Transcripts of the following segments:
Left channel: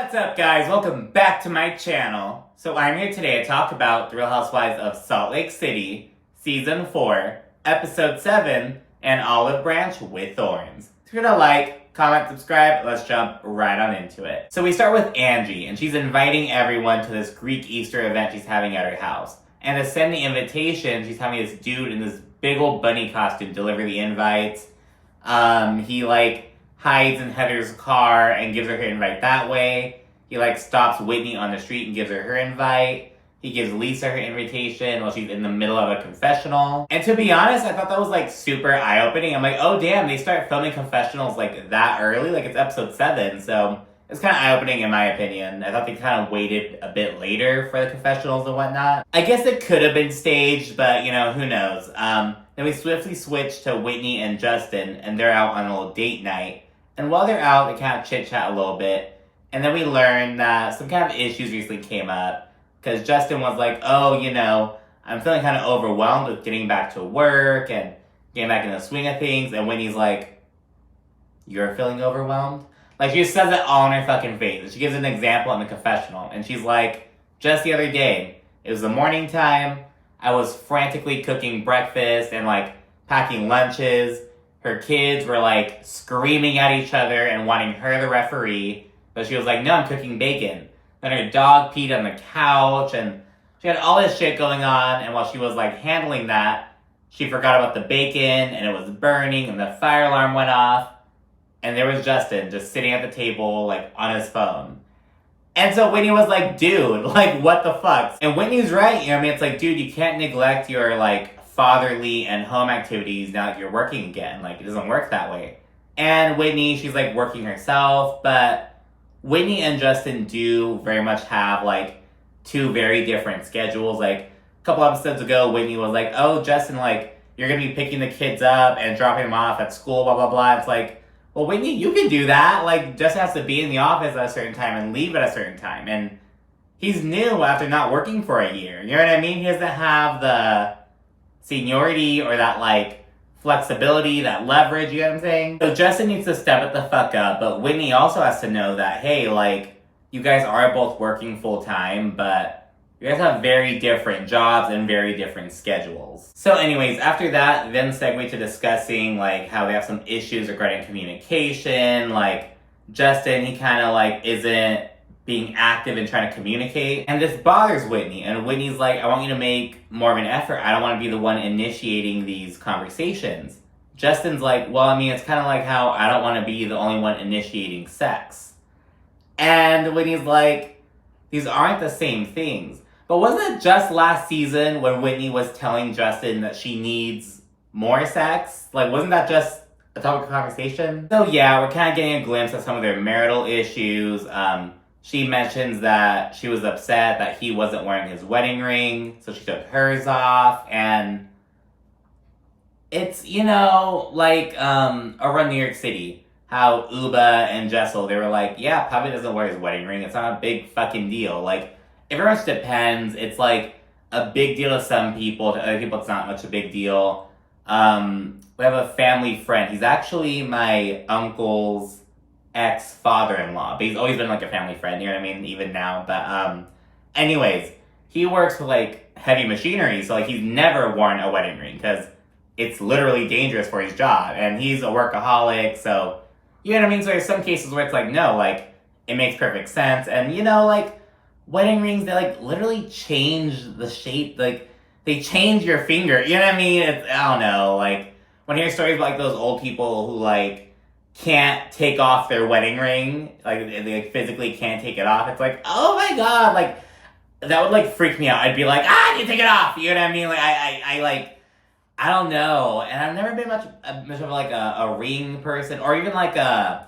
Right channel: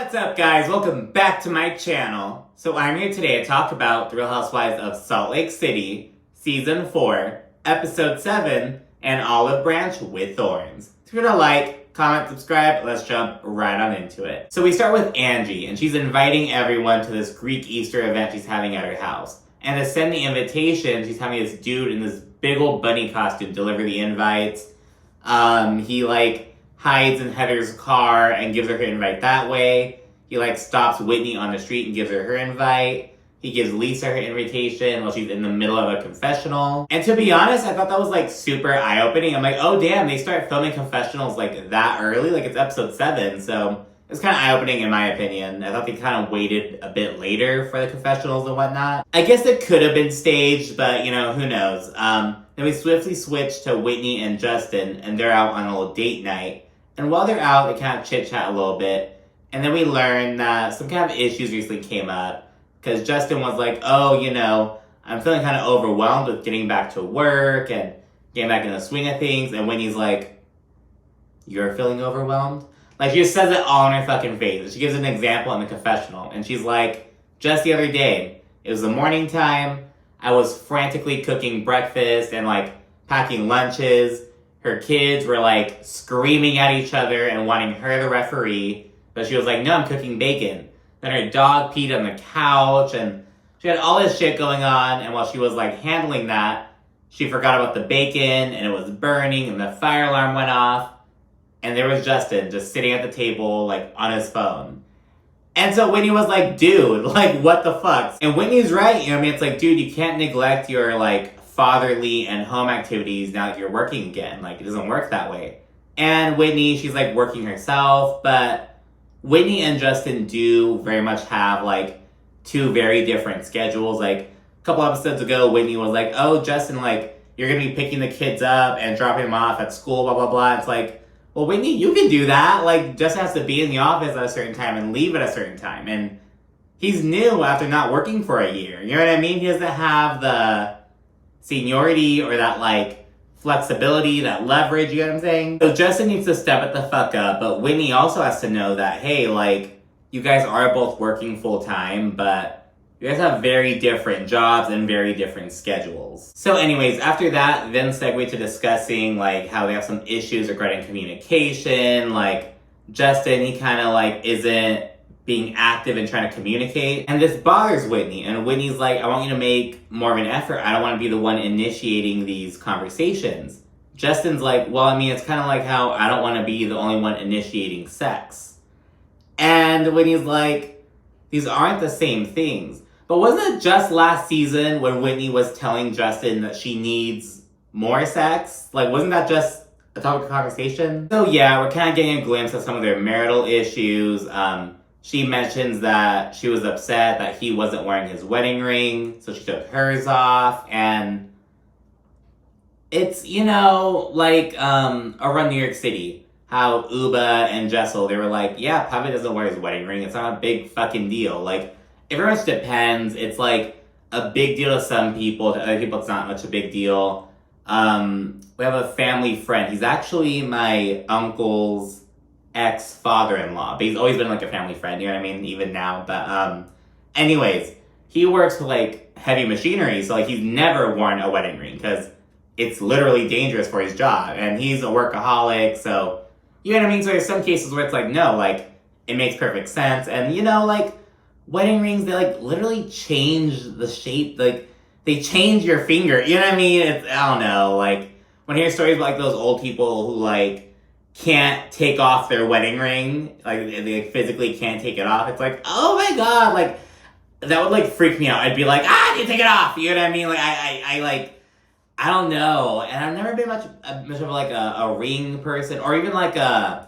What's up, guys? Welcome back to my channel. So I'm here today to talk about The Real Housewives of Salt Lake City, Season 4, Episode 7, and Olive Branch with Thorns. So if you're gonna like, comment, subscribe, let's jump right on into it. So we start with Angie, and she's inviting everyone to this Greek Easter event she's having at her house. And to send the invitation, she's having this dude in this big old bunny costume deliver the invites. He hides in Heather's car and gives her invite that way. He stops Whitney on the street and gives her invite. He gives Lisa her invitation while she's in the middle of a confessional. And to be honest, I thought that was super eye-opening. I'm like, oh damn, they start filming confessionals that early? It's episode 7, so it's kind of eye-opening in my opinion. I thought they kind of waited a bit later for the confessionals and whatnot. I guess it could have been staged, but who knows. Then we swiftly switch to Whitney and Justin, and they're out on a little date night. And while they're out, they kind of chit-chat a little bit. And then we learn that some kind of issues recently came up. Because Justin was like, oh, I'm feeling kind of overwhelmed with getting back to work and getting back in the swing of things. And Whitney's like, you're feeling overwhelmed? She just says it all in her fucking face. And she gives an example in the confessional. And she's like, just the other day, it was the morning time. I was frantically cooking breakfast and packing lunches. Her kids were screaming at each other and wanting her the referee. But she was like, no, I'm cooking bacon. Then her dog peed on the couch and she had all this shit going on. And while she was handling that, she forgot about the bacon and it was burning and the fire alarm went off. And there was Justin just sitting at the table on his phone. And so Whitney was like, dude, what the fuck? And Whitney's right. It's dude, you can't neglect your fatherly and home activities now that you're working again. It doesn't work that way. And Whitney, she's working herself, but Whitney and Justin do very much have two very different schedules. A couple episodes ago, Whitney was like, oh, Justin, you're gonna be picking the kids up and dropping them off at school, blah, blah, blah. It's well, Whitney, you can do that. Justin has to be in the office at a certain time and leave at a certain time. And he's new after not working for a year. You know what I mean? He doesn't have the seniority or that flexibility, that leverage, you know what I'm saying? So Justin needs to step it the fuck up, but Whitney also has to know that, hey, you guys are both working full time, but you guys have very different jobs and very different schedules. So anyways, after that, then segue to discussing how they have some issues regarding communication. Justin, he kind of isn't being active and trying to communicate. And this bothers Whitney. And Whitney's I want you to make more of an effort. I don't want to be the one initiating these conversations. Justin's well, it's kind of how I don't want to be the only one initiating sex. And Whitney's these aren't the same things. But wasn't it just last season when Whitney was telling Justin that she needs more sex? Wasn't that just a topic of conversation? So yeah, we're kind of getting a glimpse of some of their marital issues. She mentions that she was upset that he wasn't wearing his wedding ring, so she took hers off, and it's, around New York City, how Uba and Jessel, they were yeah, Pavi doesn't wear his wedding ring, it's not a big fucking deal. It very much depends. It's a big deal to some people, to other people it's not much a big deal. We have a family friend, he's actually my uncle's ex-father-in-law, but he's always been a family friend, you know what I mean, even now. But anyways, he works with heavy machinery, so he's never worn a wedding ring because it's literally dangerous for his job, and he's a workaholic, so you know what I mean. So there's some cases where it's no, it makes perfect sense. And wedding rings, they literally change the shape, they change your finger, you know what I mean? It's, I don't know, when I hear stories about those old people who can't take off their wedding ring, they physically can't take it off. It's oh my god, that would freak me out. I'd be I need to take it off. You know what I mean? I don't know. And I've never been much of a ring person, or even a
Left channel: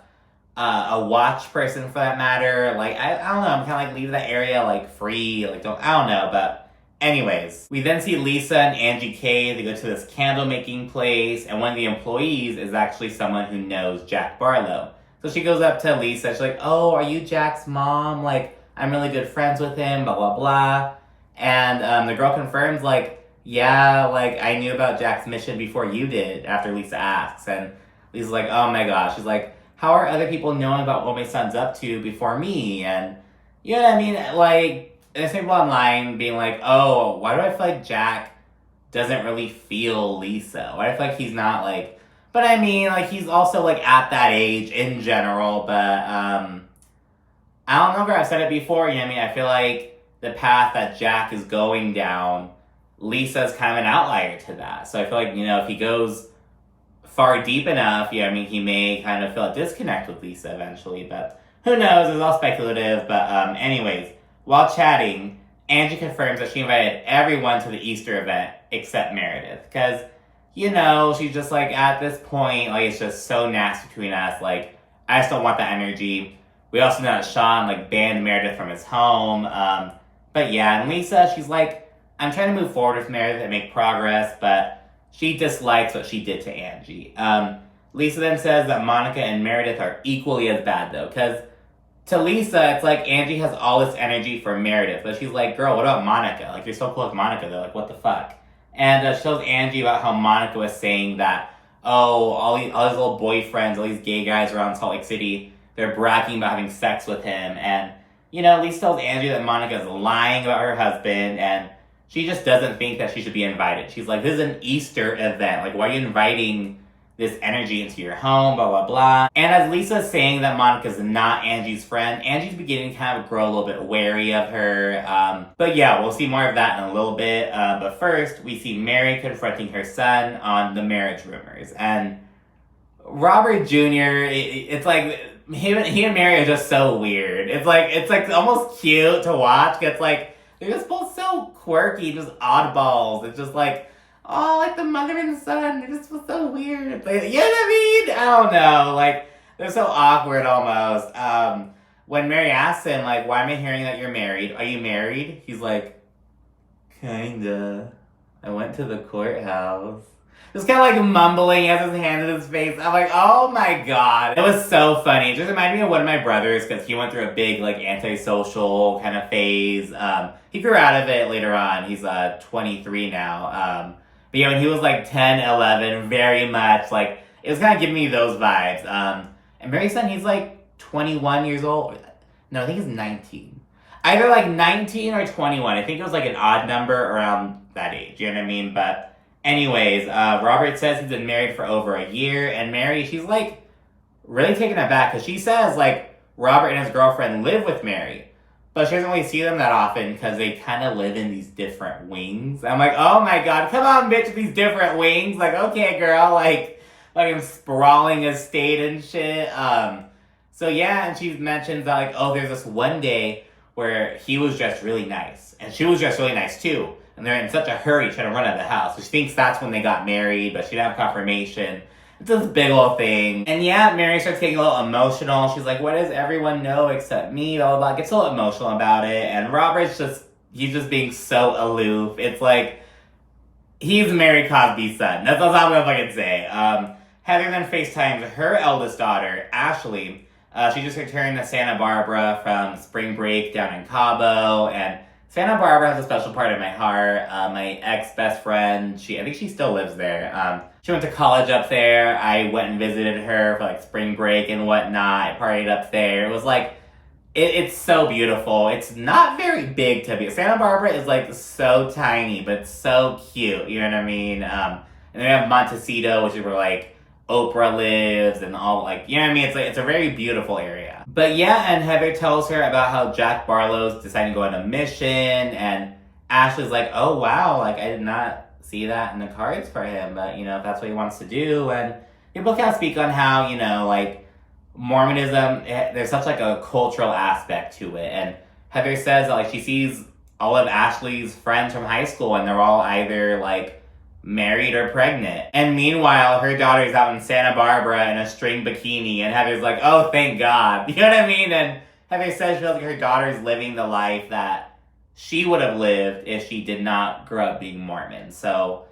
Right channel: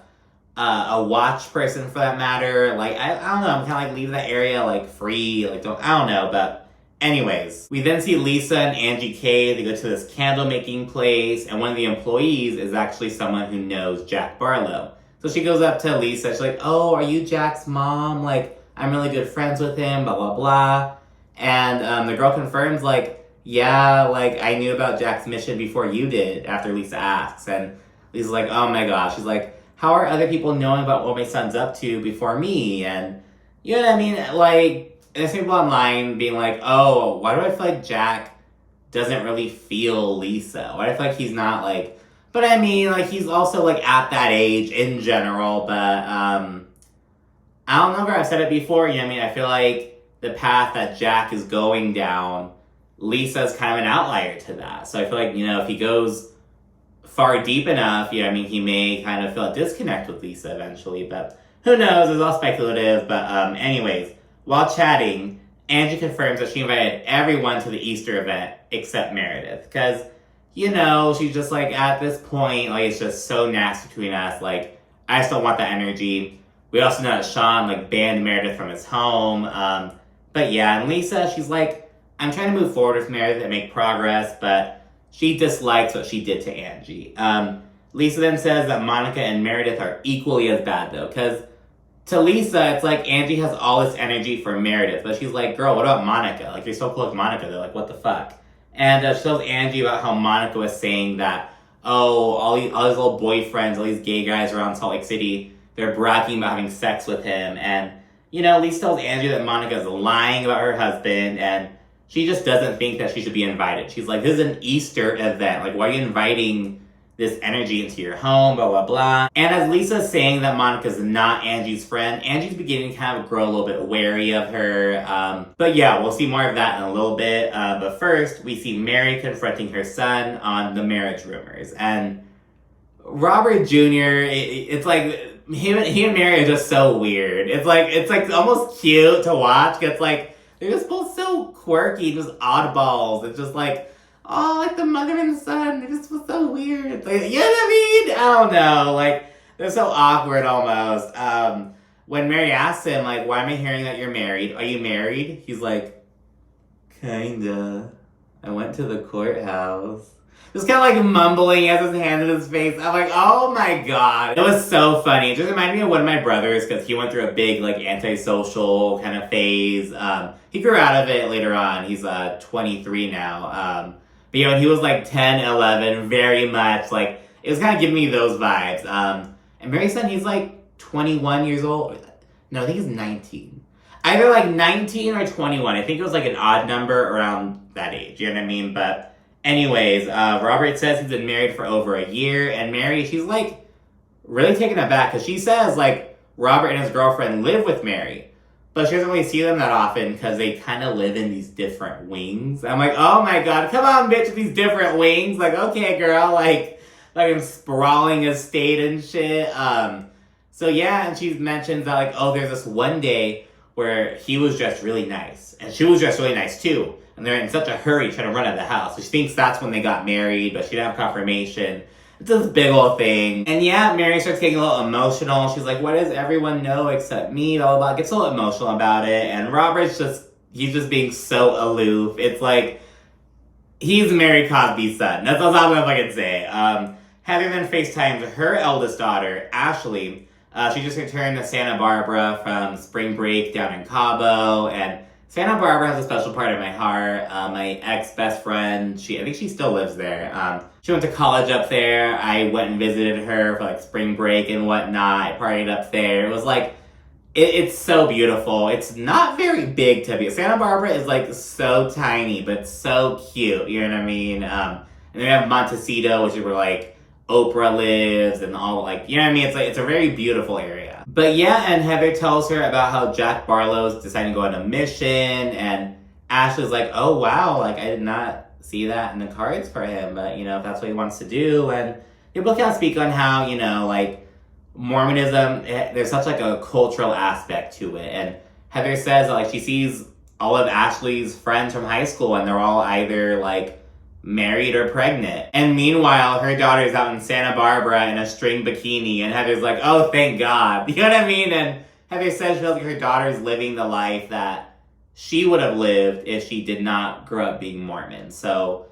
watch person for that matter. I don't know. I'm kind of leave that area free. I don't know. But anyways, we then see Lisa and Angie K. They go to this candle making place, and one of the employees is actually someone who knows Jack Barlow. So she goes up to Lisa. She's oh, are you Jack's mom? I'm really good friends with him, blah, blah, blah. And the girl confirms, yeah, I knew about Jack's mission before you did, after Lisa asks. And Lisa's oh my gosh. She's how are other people knowing about what my son's up to before me? And, you know what I mean? Like, there's people online being like, oh, why do I feel like Jack doesn't really feel Lisa? Why do I feel like he's not, like... But I mean, like, he's also, like, at that age in general, but, I don't know if I've said it before, you know what I mean? I feel like the path that Jack is going down, Lisa's kind of an outlier to that. So I feel like, you know, if he goes far deep enough, yeah, I mean, he may kind of feel a disconnect with Lisa eventually, but who knows? It's all speculative. But anyways, while chatting, Angie confirms that she invited everyone to the Easter event except Meredith, because, you know, she's just like, at this point, like, it's just so nasty between us. Like, I just don't want that energy. We also know that Sean, like, banned Meredith from his home. But yeah, and Lisa, she's like, I'm trying to move forward with Meredith and make progress, but she dislikes what she did to Angie. Lisa then says that Monica and Meredith are equally as bad, though, because to Lisa, it's like Angie has all this energy for Meredith, but she's like, girl, what about Monica? Like, you're so close to Monica, though. Like, what the fuck? And she tells Angie about how Monica was saying that, oh, all these little boyfriends, all these gay guys around Salt Lake City, they're bragging about having sex with him. And, you know, Lisa tells Angie that Monica's lying about her husband, and she just doesn't think that she should be invited. She's like, this is an Easter event. Like, why are you inviting this energy into your home, blah, blah, blah. And as Lisa's saying that Monica's not Angie's friend, Angie's beginning to kind of grow a little bit wary of her. But yeah, we'll see more of that in a little bit. But first, we see Mary confronting her son on the marriage rumors. And Robert Jr., it's like, he and Mary are just so weird. It's like almost cute to watch. It's like, they're just both so quirky, just oddballs. It's just like, oh, like the mother and the son, they're just so weird. Like, you know what I mean? I don't know. Like, they're so awkward almost. When Mary asks him, like, why am I hearing that you're married? Are you married? He's like, kinda. I went to the courthouse. Just kind of like mumbling, he has his hand in his face. I'm like, oh my god. It was so funny. It just reminded me of one of my brothers, because he went through a big, like, antisocial kind of phase. He grew out of it later on. He's 23 now. But yeah, when he was like 10, 11, very much, like, it was kind of giving me those vibes. And Mary's son, he's like 21 years old. No, I think he's 19. Either like 19 or 21. I think it was like an odd number around that age, you know what I mean? But anyways, Robert says he's been married for over a year, and Mary, she's like really taken aback, because she says like Robert and his girlfriend live with Mary. But she doesn't really see them that often because they kind of live in these different wings. I'm like, oh my god, come on, bitch, these different wings. Like, okay, girl, like I'm sprawling estate and shit. So yeah, and she mentions that, like, oh, there's this one day where he was dressed really nice, and she was dressed really nice too. And they're in such a hurry trying to run out of the house. So she thinks that's when they got married, but she didn't have confirmation. It's this big old thing. And yeah, Mary starts getting a little emotional. She's like, what does everyone know except me? Blah, blah, blah. Gets a little emotional about it. And Robert's he's just being so aloof. It's like, he's Mary Cosby's son. That's all I'm gonna fucking say. Heather then FaceTimes her eldest daughter, Ashley. She just returned to Santa Barbara from spring break down in Cabo. And Santa Barbara has a special part in my heart. My ex-best friend, I think she still lives there. She went to college up there. I went and visited her for like spring break and whatnot. I partied up there. It was like, it's so beautiful. It's not very big to be. Santa Barbara is like so tiny, but so cute. You know what I mean? And then we have Montecito, which is where like Oprah lives and all, like, you know what I mean? It's a very beautiful area. But yeah, and Heather tells her about how Jack Barlow's deciding to go on a mission, and Ashley's like, oh wow, like I did not see that in the cards for him, but you know, if that's what he wants to do. And they both kind of speak on how, you know, like Mormonism, there's such like a cultural aspect to it. And Heather says that, like, she sees all of Ashley's friends from high school and they're all either like married or pregnant. And meanwhile, her daughter's out in Santa Barbara in a string bikini, and Heather's like, oh, thank God. You know what I mean? And Heather says she feels like her daughter's living the life that she would have lived if she did not grow up being Mormon. So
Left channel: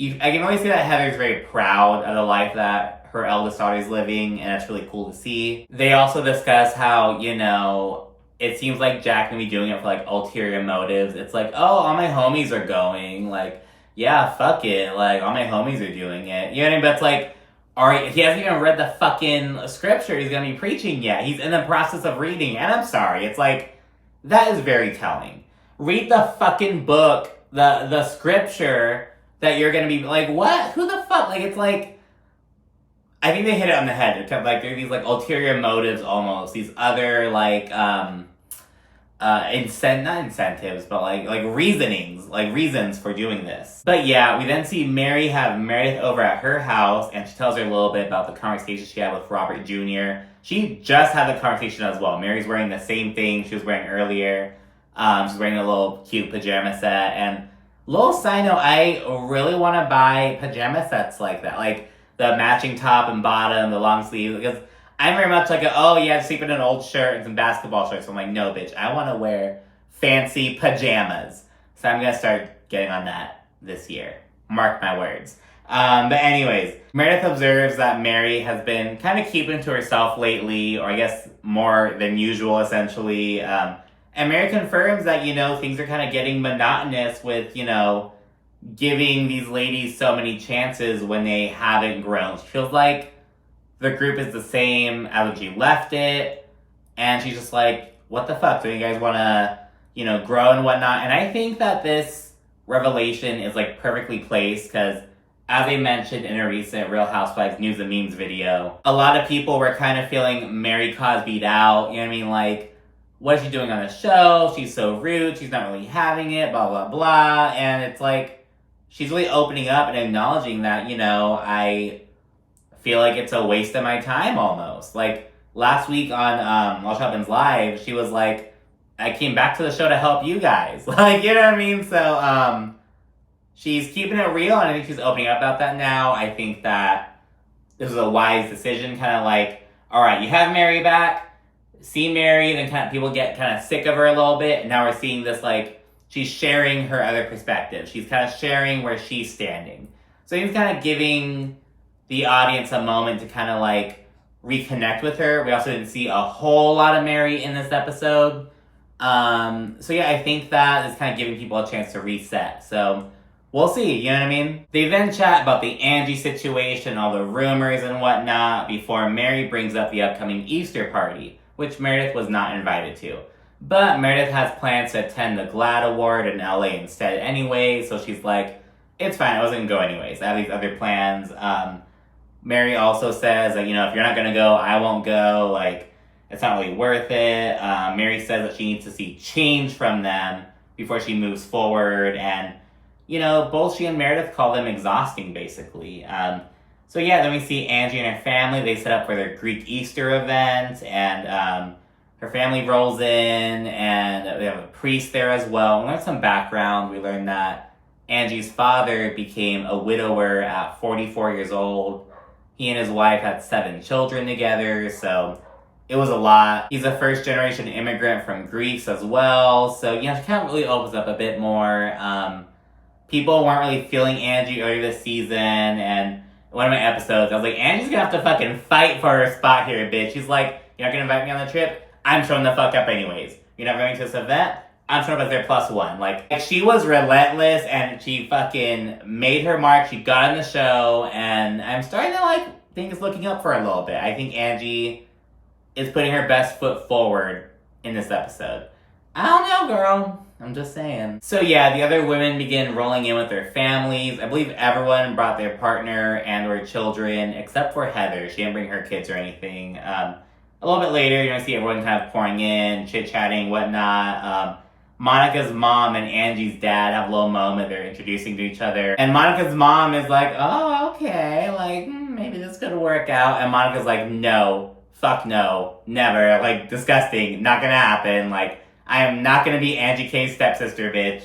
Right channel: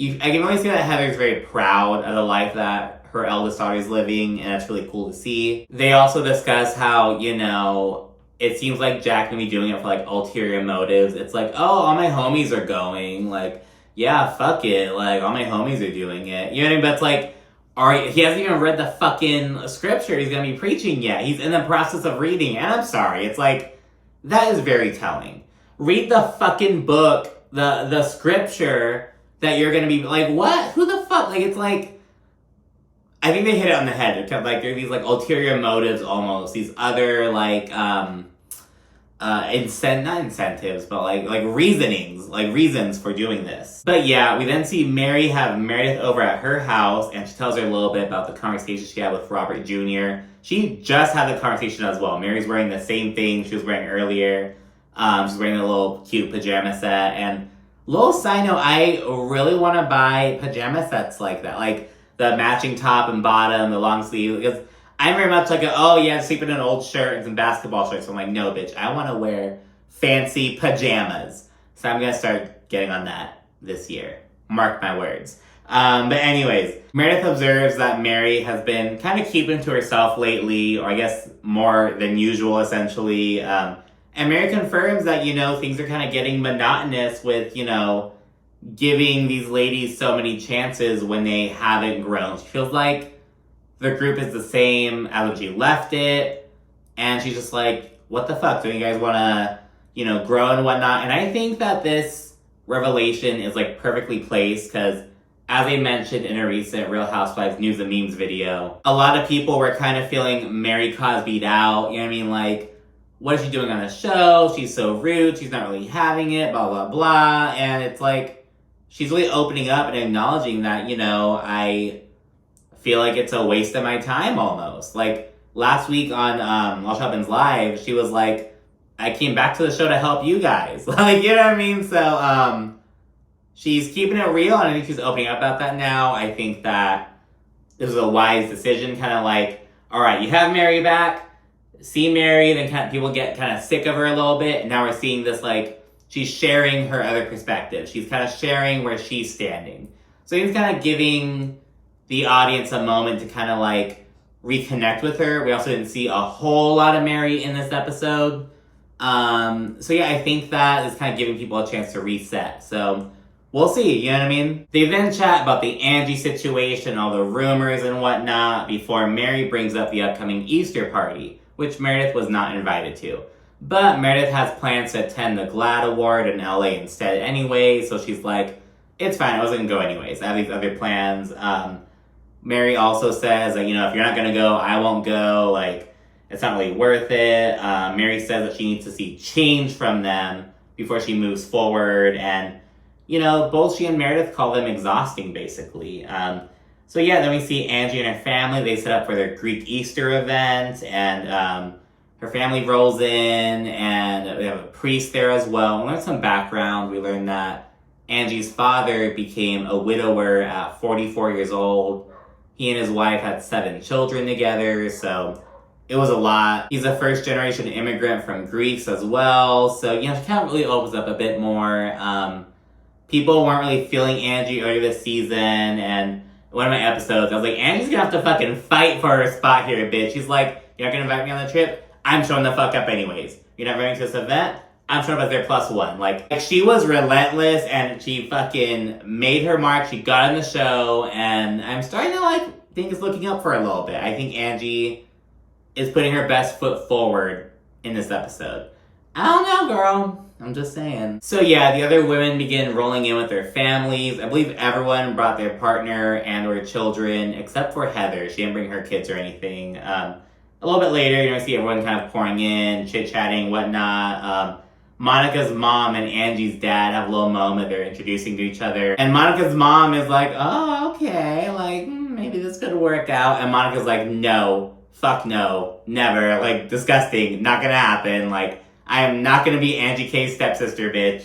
I can really see that Heather's very proud of the life that her eldest daughter is living, and it's really cool to see. They also discuss how, you know, it seems like Jack can be doing it for like ulterior motives. It's like, oh, all my homies are going. Like, yeah, fuck it. Like, all my homies are doing it. You know what I mean? But it's like, Or he hasn't even read the fucking scripture he's gonna be preaching yet. He's in the process of reading. And I'm sorry, it's like, that is very telling. Read the fucking book, the scripture that you're gonna be like, what? Who the fuck? Like, it's like, I think they hit it on the head. It's like, there are these like ulterior motives almost. These other like, not incentives, but like reasons for doing this. But yeah, we then see Mary have Meredith over at her house, and she tells her a little bit about the conversation she had with Robert Jr. She just had the conversation as well. Mary's wearing the same thing she was wearing earlier. She's wearing a little cute pajama set. And little side note, I really want to buy pajama sets like that, like the matching top and bottom, the long sleeve, because I'm very much like, sleep in an old shirt and some basketball shorts. So I'm like, no, bitch, I want to wear fancy pajamas. So I'm going to start getting on that this year. Mark my words. But anyways, Meredith observes that Mary has been kind of keeping to herself lately, or I guess more than usual, essentially. And Mary confirms that, things are kind of getting monotonous with, giving these ladies so many chances when they haven't grown. She feels like the group is the same as when she left it, and she's just like, what the fuck? Do you guys want to, grow and whatnot? And I think that this revelation is like perfectly placed because, as I mentioned in a recent Real Housewives News and Memes video, a lot of people were kind of feeling Mary Cosby'd out. You know what I mean? Like, what is she doing on the show? She's so rude. She's not really having it, blah, blah, blah. And it's like, she's really opening up and acknowledging that, I feel like it's a waste of my time almost. Like last week on Walsh Hubman's Live, she was like, I came back to the show to help you guys. Like, you know what I mean? So she's keeping it real, and I think she's opening up about that now. I think that this is a wise decision, kind of like, all right, you have Mary back, see Mary, then kind of people get kind of sick of her a little bit, and now we're seeing this like, she's sharing her other perspective. She's kind of sharing where she's standing. So he's kind of giving the audience a moment to kind of like reconnect with her. We also didn't see a whole lot of Mary in this episode. So yeah, I think that is kind of giving people a chance to reset. So we'll see, you know what I mean? They then chat about the Angie situation, all the rumors and whatnot, before Mary brings up the upcoming Easter party, which Meredith was not invited to. But Meredith has plans to attend the GLAAD Award in LA instead anyway, so she's like, it's fine, I wasn't gonna go anyways. I have these other plans. Mary also says that, if you're not going to go, I won't go. Like, it's not really worth it. Mary says that she needs to see change from them before she moves forward. And, both she and Meredith call them exhausting, basically. So yeah, then we see Angie and her family. They set up for their Greek Easter event. And her family rolls in. And we have a priest there as well. We learned some background. We learned that Angie's father became a widower at 44 years old. He and his wife had 7 children together, so it was a lot. He's a first-generation immigrant from Greece as well, so, she kind of really opens up a bit more. People weren't really feeling Angie earlier this season, and one of my episodes, I was like, Angie's gonna have to fucking fight for her spot here, bitch. She's like, you're not gonna invite me on the trip? I'm showing the fuck up anyways. You're not going to this event? I'm showing up as their +1. Like, she was relentless, and she fucking made her mark. She got on the show, and I'm starting to, think it's looking up for her a little bit. I think Angie is putting her best foot forward in this episode. I don't know, girl. I'm just saying. So yeah, the other women begin rolling in with their families. I believe everyone brought their partner and their children, except for Heather. She didn't bring her kids or anything. A little bit later, I see everyone kind of pouring in, chit-chatting, whatnot. Monica's mom and Angie's dad have a little moment. They're introducing to each other. And Monica's mom is like, oh, okay, maybe this could work out. And Monica's like, no, fuck no, never. Disgusting, not gonna happen. I am not gonna be Angie K's stepsister, bitch.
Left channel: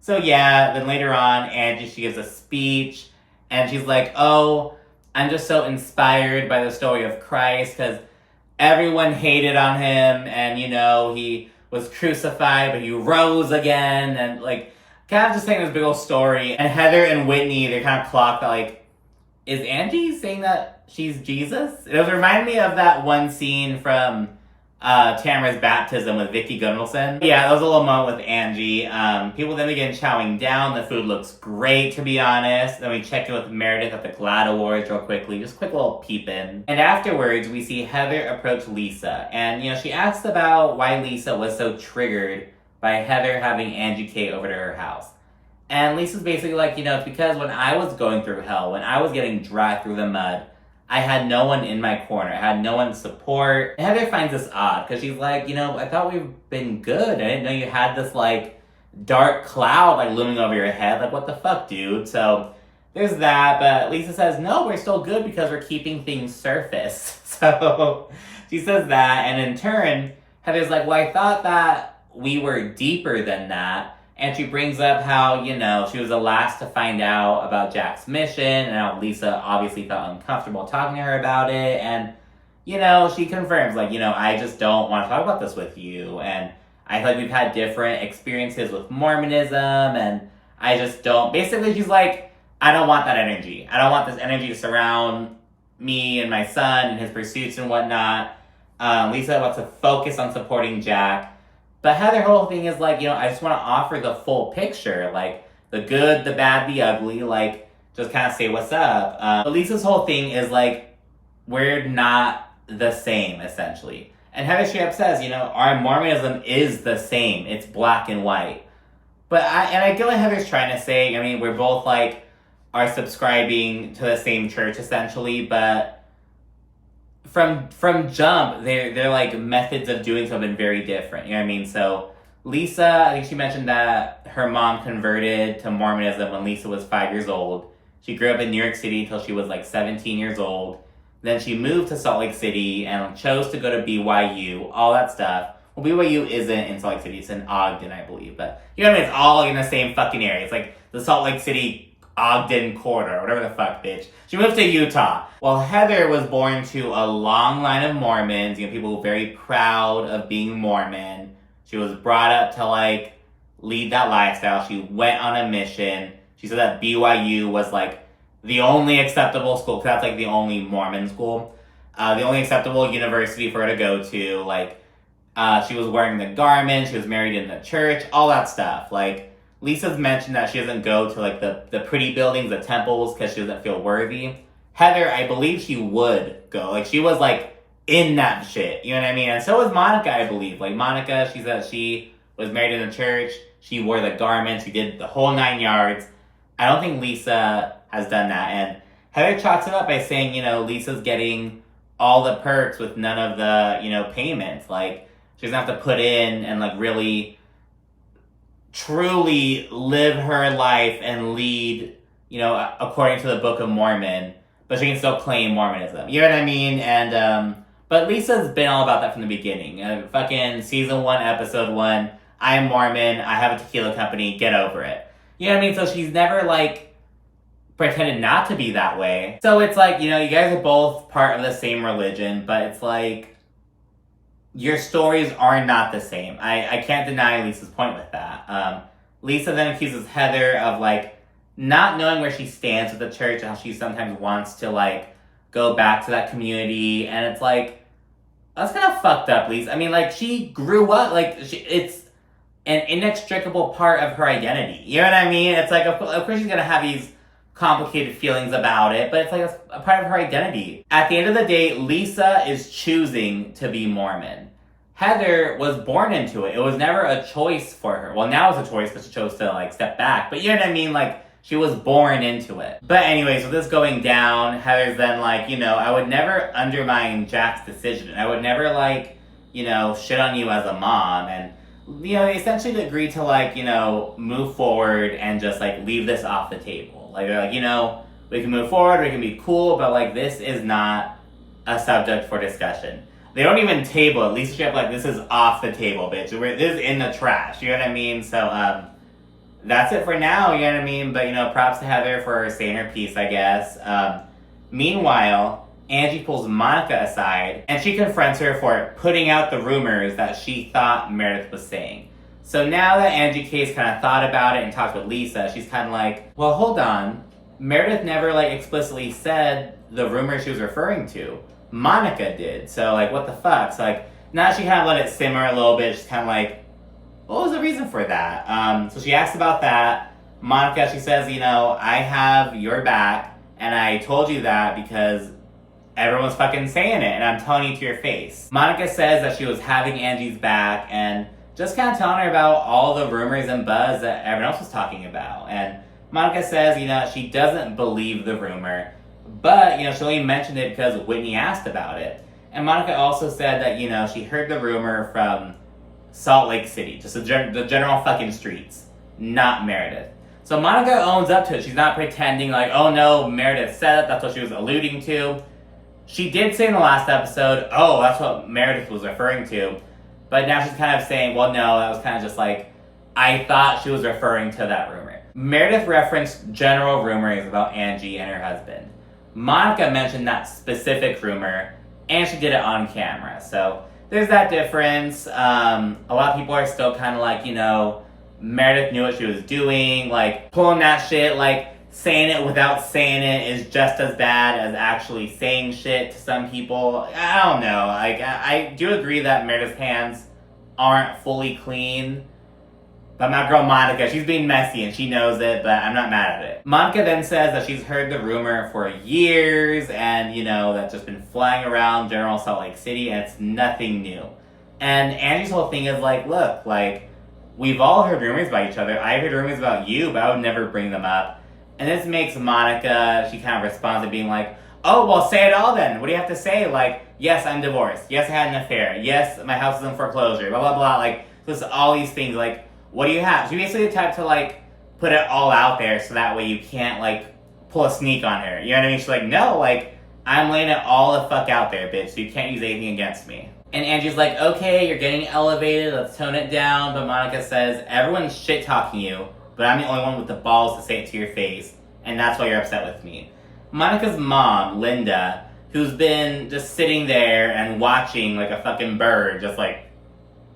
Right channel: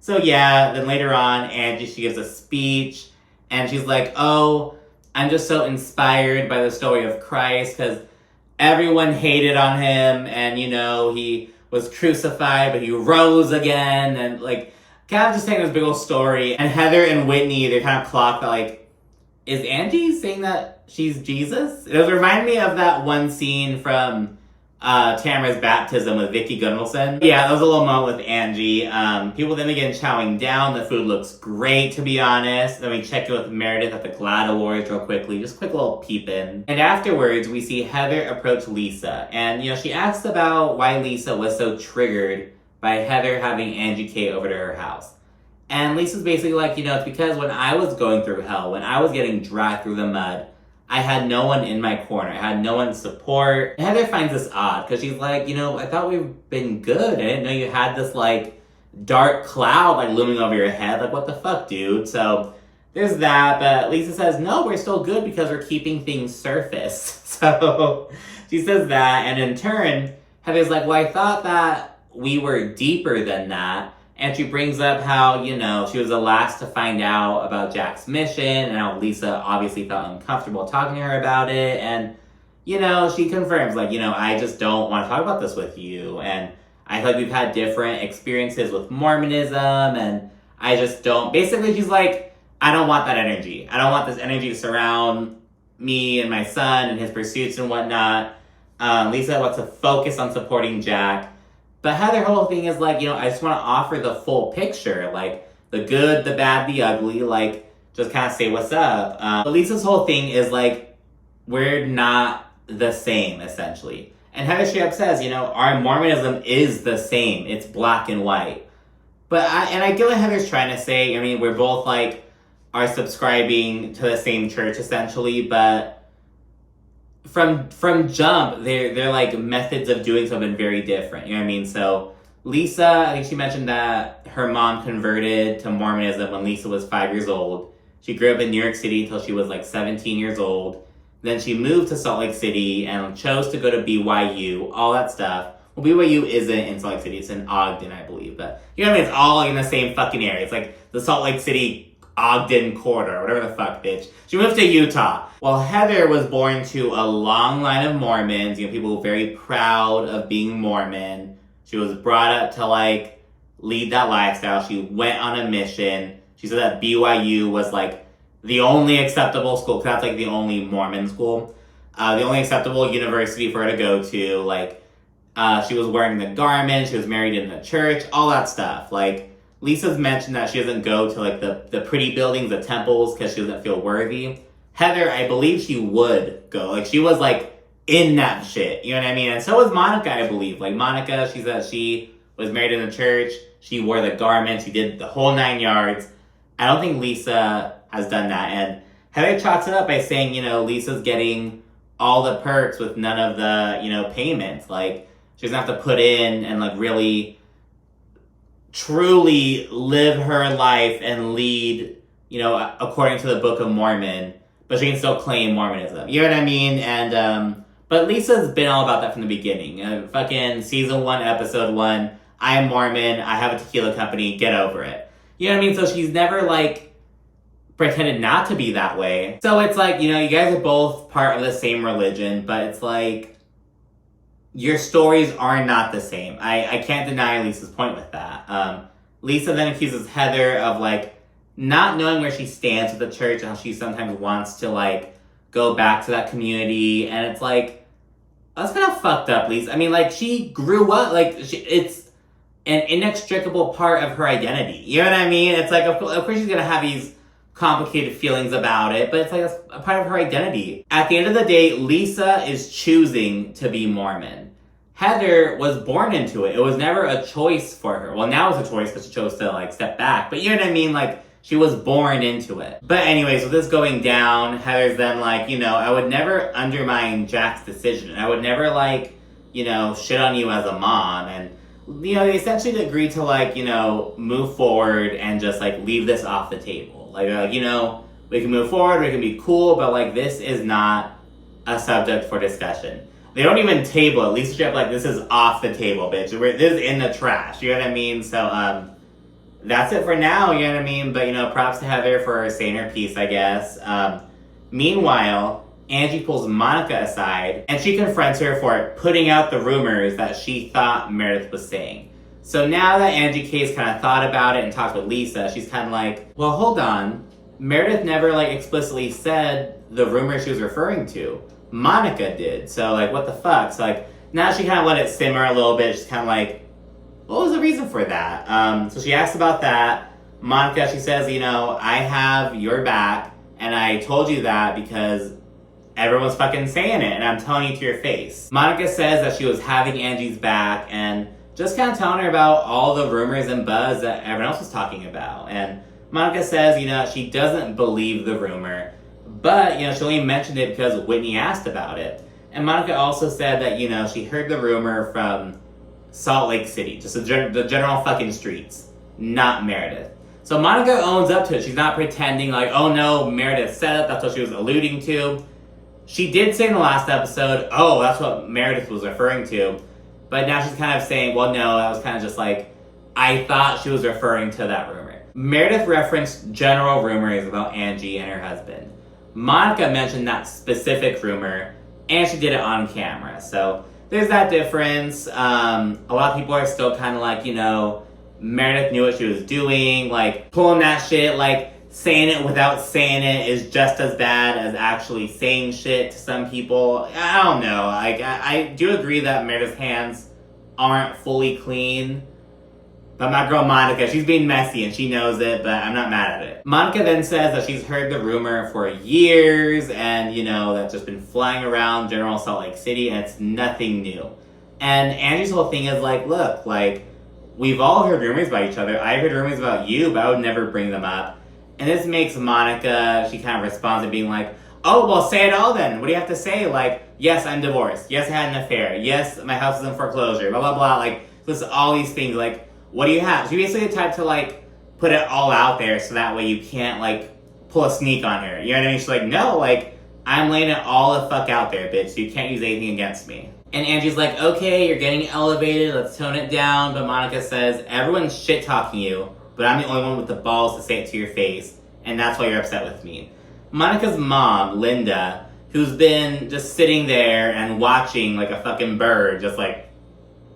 So yeah, then later on, Angie, she gives a speech. And she's like, oh, I'm just so inspired by the story of Christ. Because everyone hated on him. And, he was crucified, but he rose again, and kind of just saying this big old story. And Heather and Whitney, they kind of clocked that, is Angie saying that she's Jesus? It was reminding me of that one scene from Tamara's baptism with Vicky Gunvalson. Yeah, that was a little moment with Angie. People then begin chowing down. The food looks great, to be honest. Then we check in with Meredith at the GLAAD Awards real quickly. Just a quick little peep in. And afterwards, we see Heather approach Lisa. And, she asked about why Lisa was so triggered by Heather having Angie K over to her house. And Lisa's basically like, it's because when I was going through hell, when I was getting dragged through the mud, I had no one in my corner. I had no one to support. And Heather finds this odd because she's like, I thought we've been good. I didn't know you had this dark cloud looming over your head. What the fuck, dude? So there's that. But Lisa says, no, we're still good because we're keeping things surface. So she says that. And in turn, Heather's like, well, I thought that we were deeper than that. And she brings up how, she was the last to find out about Jack's mission, and how Lisa obviously felt uncomfortable talking to her about it. And, she confirms, I just don't want to talk about this with you. And I feel like we've had different experiences with Mormonism, and I just don't. Basically, she's like, I don't want that energy. I don't want this energy to surround me and my son and his pursuits and whatnot. Lisa wants to focus on supporting Jack. But Heather's whole thing is I just want to offer the full picture, the good, the bad, the ugly, just kind of say what's up. But Lisa's whole thing is we're not the same, essentially. And Heather straight up says, our Mormonism is the same. It's black and white. But I get what Heather's trying to say. I mean, we're both are subscribing to the same church, essentially, but from jump, their methods of doing so have been very different. You know what I mean? So Lisa, I think she mentioned that her mom converted to Mormonism when Lisa was 5 years old. She grew up in New York City until she was 17 years old. Then she moved to Salt Lake City and chose to go to BYU, all that stuff. Well, BYU isn't in Salt Lake City, it's in Ogden, I believe. But you know what I mean? It's all in the same fucking area. It's the Salt Lake City Ogden corridor, whatever the fuck, bitch. She moved to Utah. Well, Heather was born to a long line of Mormons, people very proud of being Mormon. She was brought up to lead that lifestyle. She went on a mission. She said that BYU was the only acceptable school, because that's the only Mormon school. The only acceptable university for her to go to. She was wearing the garment, she was married in the church, all that stuff. Lisa's mentioned that she doesn't go to the pretty buildings, the temples, because she doesn't feel worthy. Heather, I believe she would go. She was in that shit. You know what I mean? And so was Monica, I believe. Monica, she said she was married in the church. She wore the garment. She did the whole 9 yards. I don't think Lisa has done that. And Heather chalks it up by saying, Lisa's getting all the perks with none of the, payments. She doesn't have to put in and really truly live her life and lead, according to the Book of Mormon, but she can still claim Mormonism. You know what I mean? And, but Lisa's been all about that from the beginning. Fucking season 1, episode 1, I am Mormon, I have a tequila company, get over it. You know what I mean? So she's never, pretended not to be that way. So it's you guys are both part of the same religion, but it's your stories are not the same. I can't deny Lisa's point with that. Lisa then accuses Heather of not knowing where she stands with the church and how she sometimes wants to go back to that community. And it's that's kind of fucked up, Lisa. I mean, she grew up, it's an inextricable part of her identity. You know what I mean? It's of course she's gonna have these complicated feelings about it, but it's a part of her identity. At the end of the day, Lisa is choosing to be Mormon. Heather was born into it. It was never a choice for her. Well, now it's a choice because she chose to step back, but you know what I mean? She was born into it. But anyways, with this going down, Heather's then I would never undermine Jack's decision. I would never shit on you as a mom. And they essentially agreed to move forward and just leave this off the table. We can move forward, we can be cool, but this is not a subject for discussion. They don't even table it. Lisa straight up this is off the table, bitch. This is in the trash. You know what I mean? So that's it for now. You know what I mean? But props to Heather for saying her piece, I guess. Meanwhile, Angie pulls Monica aside and she confronts her for putting out the rumors that she thought Meredith was saying. So now that Angie K's kind of thought about it and talked with Lisa, she's kind of well, hold on. Meredith never explicitly said the rumor she was referring to. Monica did. So what the fuck? So Now she kind of let it simmer a little bit. She's kind of like, what was the reason for that? So she asks about that. Monica, she says, I have your back, and I told you that because everyone's fucking saying it, and I'm telling you to your face. Monica says that she was having Angie's back, and just kind of telling her about all the rumors and buzz that everyone else was talking about. And Monica says, she doesn't believe the rumor, but, she only mentioned it because Whitney asked about it. And Monica also said that, she heard the rumor from Salt Lake City, just the general fucking streets, not Meredith. So Monica owns up to it. She's not pretending like, oh no, Meredith said it, that's what she was alluding to. She did say in the last episode, oh, that's what Meredith was referring to. But now she's kind of saying, well, no, that was kind of just like, I thought she was referring to that rumor. Meredith referenced general rumors about Angie and her husband. Monica mentioned that specific rumor, and she did it on camera. So there's that difference. A lot of people are still kind of like, Meredith knew what she was doing, like pulling that shit, like saying it without saying it is just as bad as actually saying shit to some people. I don't know. Like, I do agree that Meredith's hands aren't fully clean. But my girl Monica, she's being messy and she knows it, but I'm not mad at it. Monica then says that she's heard the rumor for years and, that's just been flying around general Salt Lake City and it's nothing new. And Angie's whole thing is like, look, like, we've all heard rumors about each other. I've heard rumors about you, but I would never bring them up. And this makes Monica, she kind of responds to being like, oh, well, say it all then. What do you have to say? Like, yes, I'm divorced. Yes, I had an affair. Yes, my house is in foreclosure. Blah, blah, blah. Like, listen, all these things. Like, what do you have? She basically the type to, like, put it all out there so that way you can't, like, pull a sneak on her. You know what I mean? She's like, no, like, I'm laying it all the fuck out there, bitch, so you can't use anything against me. And Angie's like, okay, you're getting elevated. Let's tone it down. But Monica says, everyone's shit-talking you, but I'm the only one with the balls to say it to your face. And that's why you're upset with me. Monica's mom, Linda, who's been just sitting there and watching like a fucking bird, just like,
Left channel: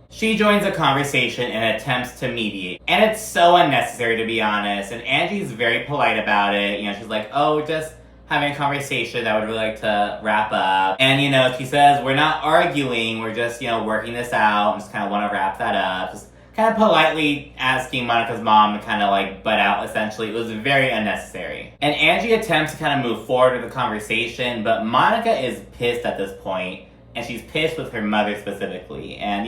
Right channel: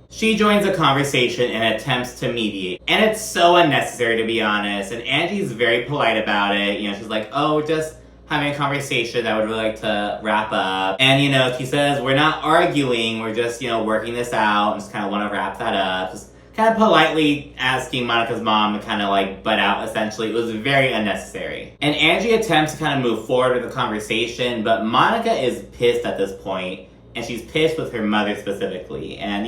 she joins the conversation and attempts to mediate. And it's so unnecessary, to be honest. And Angie's very polite about it. She's like, oh, we're just having a conversation that I would really like to wrap up. And, she says, we're not arguing, we're just, working this out and just kind of want to wrap that up. Just kind of politely asking Monica's mom to kind of like butt out, essentially. It was very unnecessary. And Angie attempts to kind of move forward with the conversation, but Monica is pissed at this point, and she's pissed with her mother specifically. And,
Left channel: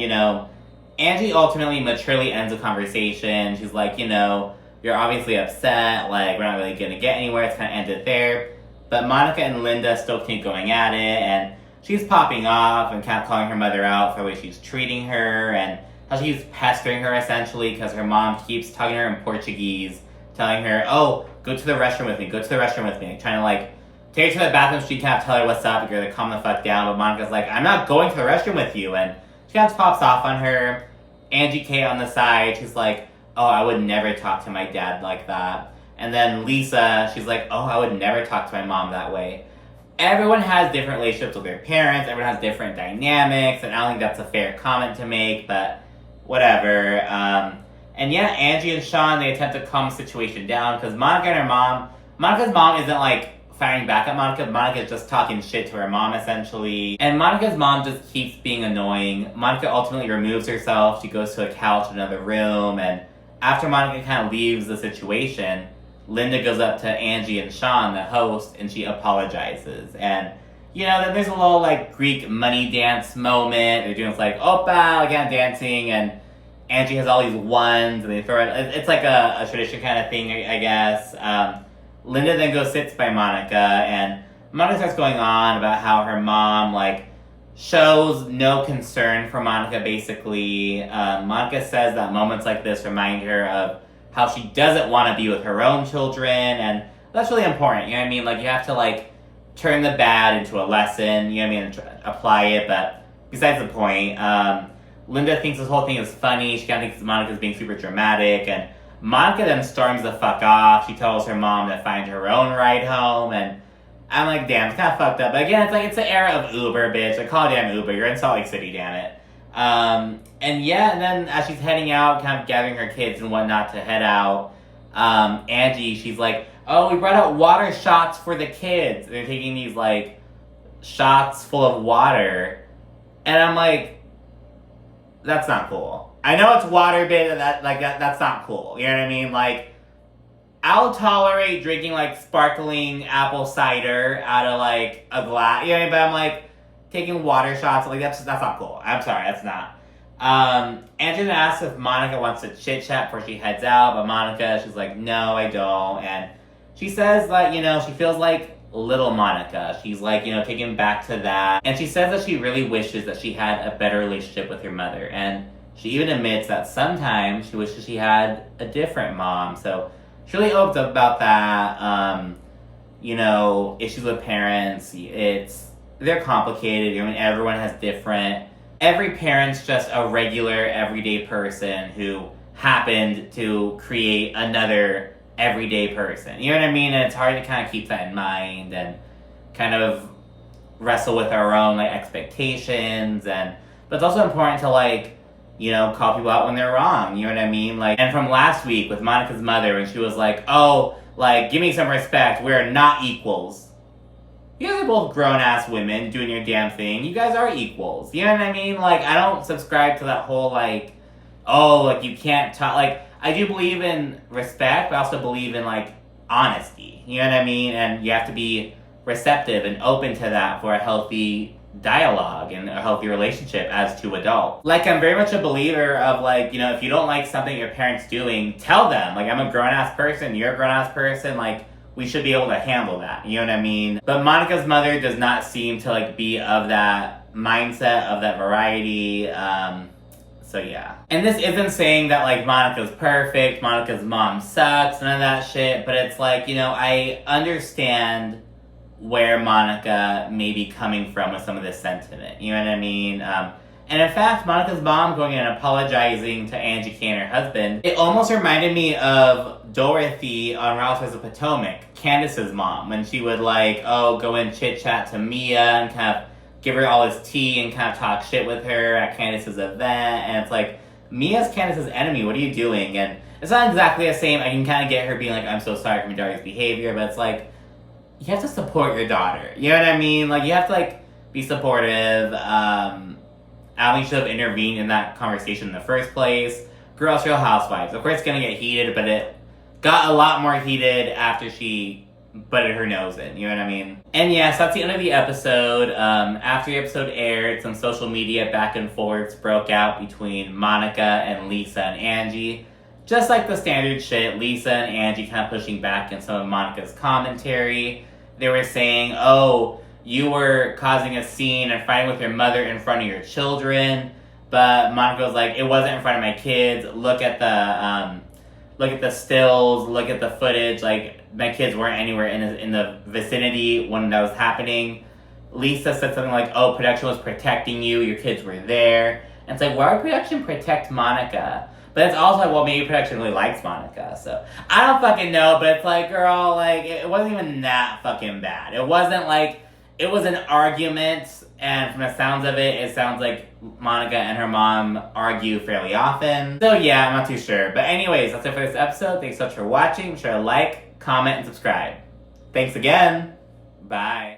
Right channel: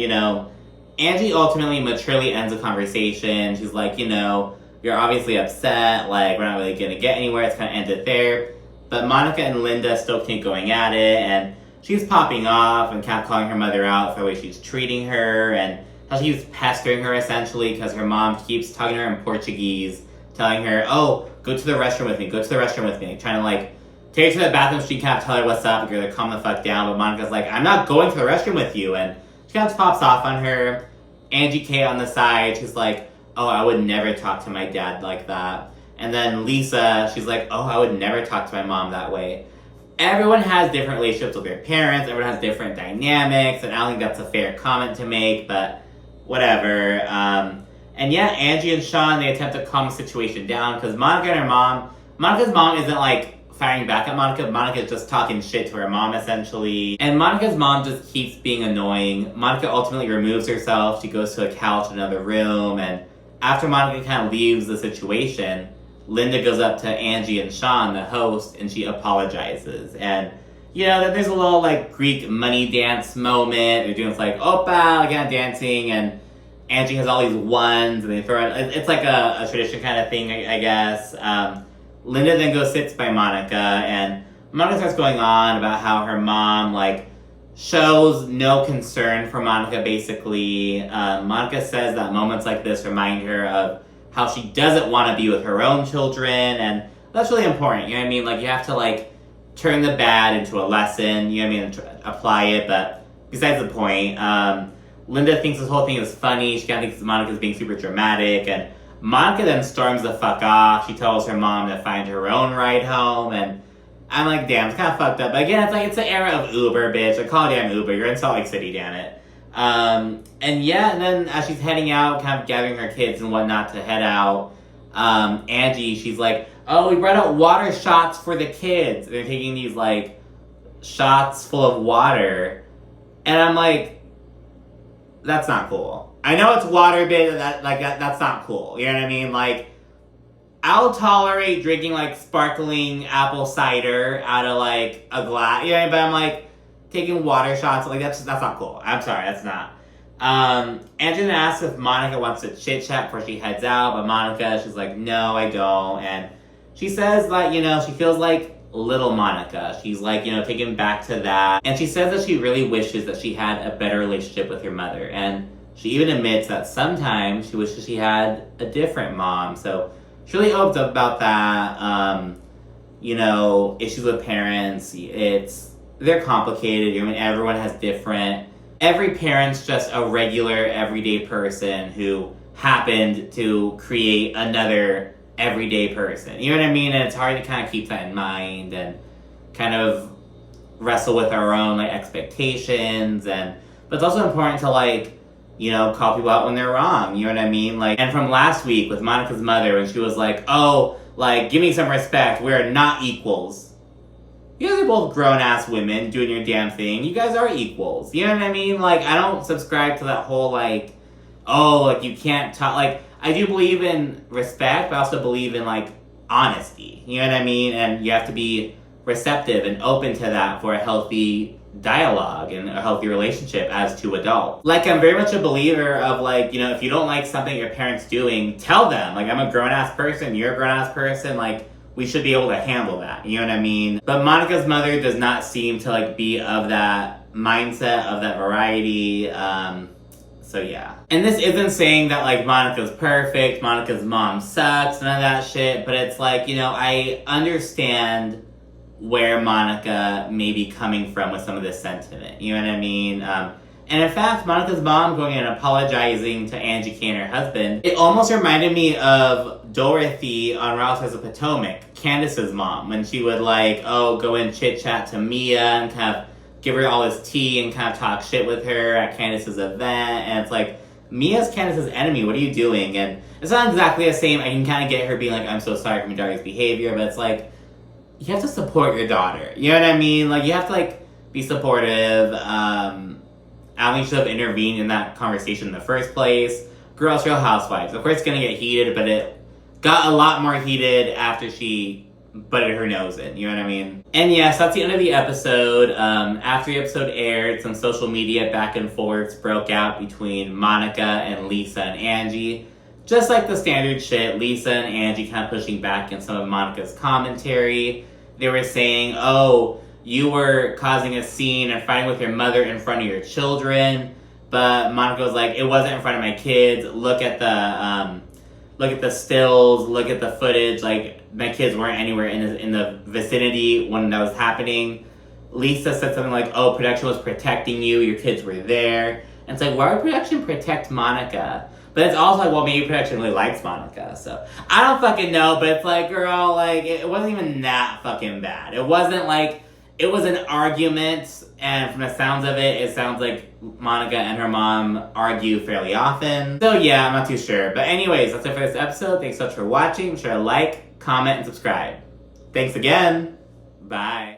Angie ultimately maturely ends the conversation. She's like, you're obviously upset, like, we're not really gonna get anywhere, it's kind of ended there. But Monica and Linda still keep going at it, and she's popping off and kind of calling her mother out for the way she's treating her, and how she's pestering her, essentially, because her mom keeps talking to her in Portuguese, telling her, oh, go to the restroom with me, like, trying to, like, take her to the bathroom so she can kind of tell her what's up, and like, calm the fuck down, but Monica's like, I'm not going to the restroom with you, and she kind of pops off on her. Angie K on the side, she's like, oh, I would never talk to my dad like that. And then Lisa, she's like, oh, I would never talk to my mom that way. Everyone has different relationships with their parents, everyone has different dynamics, and I don't think that's a fair comment to make, but whatever. And yeah, Angie and Sean, they attempt to calm the situation down, because Monica and her mom, Monica's mom isn't like firing back at Monica. Monica's just talking shit to her mom, essentially. And Monica's mom just keeps being annoying. Monica ultimately removes herself. She goes to a couch in another room. And after Monica kind of leaves the situation, Linda goes up to Angie and Sean, the host, and she apologizes. And, then there's a little, like, Greek money dance moment. They're doing, like, opa, again, dancing. And Angie has all these ones, and they throw it. It's like a tradition kind of thing, I guess. Linda then goes sits by Monica, and Monica starts going on about how her mom, like, shows no concern for Monica, basically. Monica says that moments like this remind her of how she doesn't want to be with her own children, and that's really important, you know what I mean? Like, you have to, like, turn the bad into a lesson, you know what I mean, and apply it, but besides the point, Linda thinks this whole thing is funny, she kind of thinks Monica's being super dramatic, and Monica then storms the fuck off. She tells her mom to find her own ride home, and I'm like, damn, it's kind of fucked up. But again, it's like, it's the era of Uber, bitch. Like, call it damn Uber. You're in Salt Lake City, damn it. And then as she's heading out, kind of gathering her kids and whatnot to head out, Angie, she's like, oh, we brought out water shots for the kids. And they're taking these, like, shots full of water. And I'm like, that's not cool. I know it's water-based, that's not cool. You know what I mean? Like, I'll tolerate drinking, like, sparkling apple cider out of, like, a glass. You know what I mean? But I'm, like, taking water shots. Like, that's not cool. I'm sorry, that's not. Angie asks if Monica wants to chit-chat before she heads out. But Monica, she's like, no, I don't. And she says that, you know, she feels like little Monica. She's, like, you know, taken back to that. And she says that she really wishes that she had a better relationship with her mother. And she even admits that sometimes she wishes she had a different mom. So she really opens up about that. You know, issues with parents, they're complicated. You know, everyone has different. Every parent's just a regular, everyday person who happened to create another everyday person. You know what I mean? And it's hard to kind of keep that in mind and kind of wrestle with our own, like, expectations. But it's also important to, like, you know, call people out when they're wrong. You know what I mean? Like, and from last week with Monica's mother, when she was like, oh, like, give me some respect. We're not equals. You guys are both grown-ass women doing your damn thing. You guys are equals. You know what I mean? Like, I don't subscribe to that whole, like, oh, like, you can't talk. Like, I do believe in respect, but I also believe in, like, honesty. You know what I mean? And you have to be receptive and open to that for a healthy dialogue and a healthy relationship as two adults. Like, I'm very much a believer of, like, you know, if you don't like something your parents doing, tell them. Like, I'm a grown-ass person, you're a grown-ass person, like, we should be able to handle that, you know what I mean? But Monica's mother does not seem to, like, be of that mindset, of that variety, so yeah. And this isn't saying that, like, Monica's perfect, Monica's mom sucks, none of that shit, but it's like, you know, I understand where Monica may be coming from with some of this sentiment. You know what I mean? And in fact, Monica's mom going and apologizing to Angie K and her husband, it almost reminded me of Dorothy on Real Housewives of Potomac, Candace's mom, when she would, like, go and chit-chat to Mia and kind of give her all this tea and kind of talk shit with her at Candace's event. And it's like, Mia's Candace's enemy, what are you doing? And it's not exactly the same. I can kind of get her being like, I'm so sorry for my daughter's behavior, but it's like, you have to support your daughter. You know what I mean? Like, you have to, like, be supportive. I don't think she should have intervened in that conversation in the first place. Girls, Real Housewives. Of course, it's going to get heated, but it got a lot more heated after she butted her nose in. You know what I mean? And yes, that's the end of the episode. After the episode aired, some social media back and forths broke out between Monica and Lisa and Angie. Just like the standard shit, Lisa and Angie kind of pushing back in some of Monica's commentary. They were saying, oh, you were causing a scene and fighting with your mother in front of your children. But Monica was like, it wasn't in front of my kids. Look at the stills, look at the footage. Like, my kids weren't anywhere in the vicinity when that was happening. Lisa said something like, oh, production was protecting you. Your kids were there. And it's like, why would production protect Monica? But it's also like, well, maybe production really likes Monica, so I don't fucking know, but it's like, girl, like, it wasn't even that fucking bad. It wasn't like, it was an argument, and from the sounds of it, it sounds like Monica and her mom argue fairly often. So yeah, I'm not too sure. But anyways, that's it for this episode. Thanks so much for watching. Be sure to like, comment, and subscribe. Thanks again. Bye.